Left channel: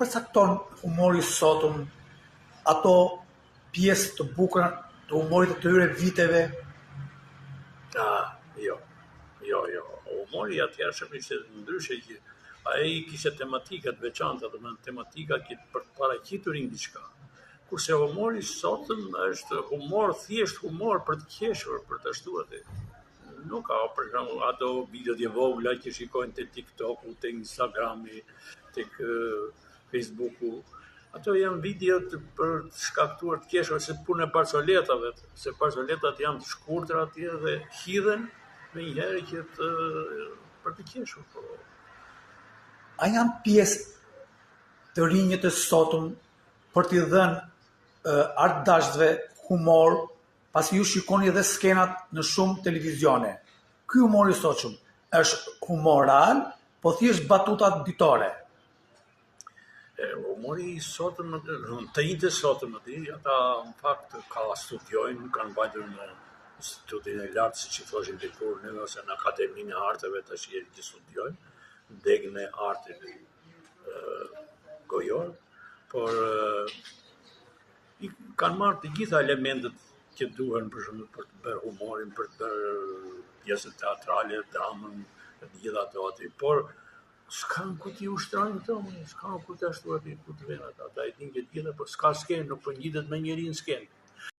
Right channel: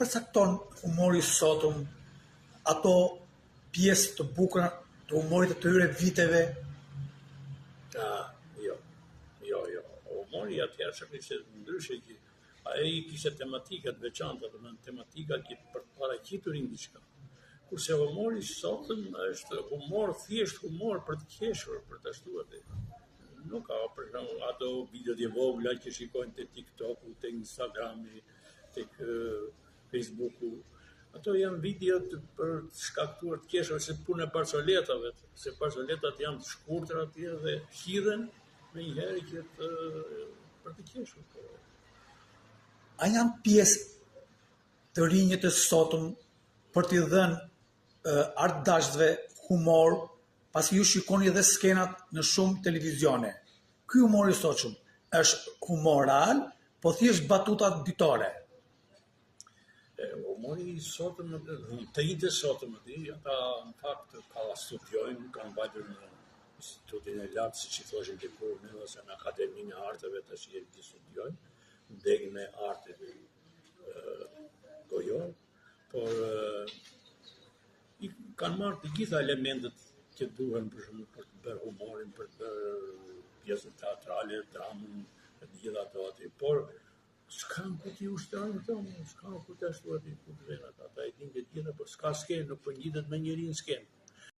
përcakton humori sotëm ato pjesë të bukura të humorit të tyre viteve? Jo. Humori atëhershëm ishte ndryshe që ai kishte tematika të veçanta, domethënë tematika që për të paraqiturin diçka. Kurse humori sotëm është humor, thjesht humor për të qeshur, për të ashtu atë. Nuk ka, për shembull, ato videot e vogla që shikojnë te TikToku, te Instagrami, tek Facebooku. Ato janë videot për të shkaktuar të qeshur, se punë e barcoletave, se barcoletat janë të shkurtra atje dhe hidhen me njëherë që për të qeshur. Po. A janë pjesë të rinjët e sotëm për t'i dhënë artdashësve humor, pasi ju shikoni edhe skenat në shumë televizione. Ky humor i sotshëm është humor real, po thjesht batutat bitore. Humori i sotëm, të ide sotëm, ata në fakt ka studiojnë, kanë mbajtur në institutin e lartë, siç i thoshin dikur neve, ose në Akademinë e Arteve, tash që studiojnë, degën e arteve gojor, por i kanë marrë të gjitha elementet që duhen për shembull për të bërë humorin, për të bërë pjesën teatrale, dramën, të gjitha ato aty, por s'kan ku t'i ushtrojnë këto, s'kan ku t'i ashtu aty, ku të venë ata i din që gjitha, por s'ka skenë, nuk përngjitet me njëri në skenë.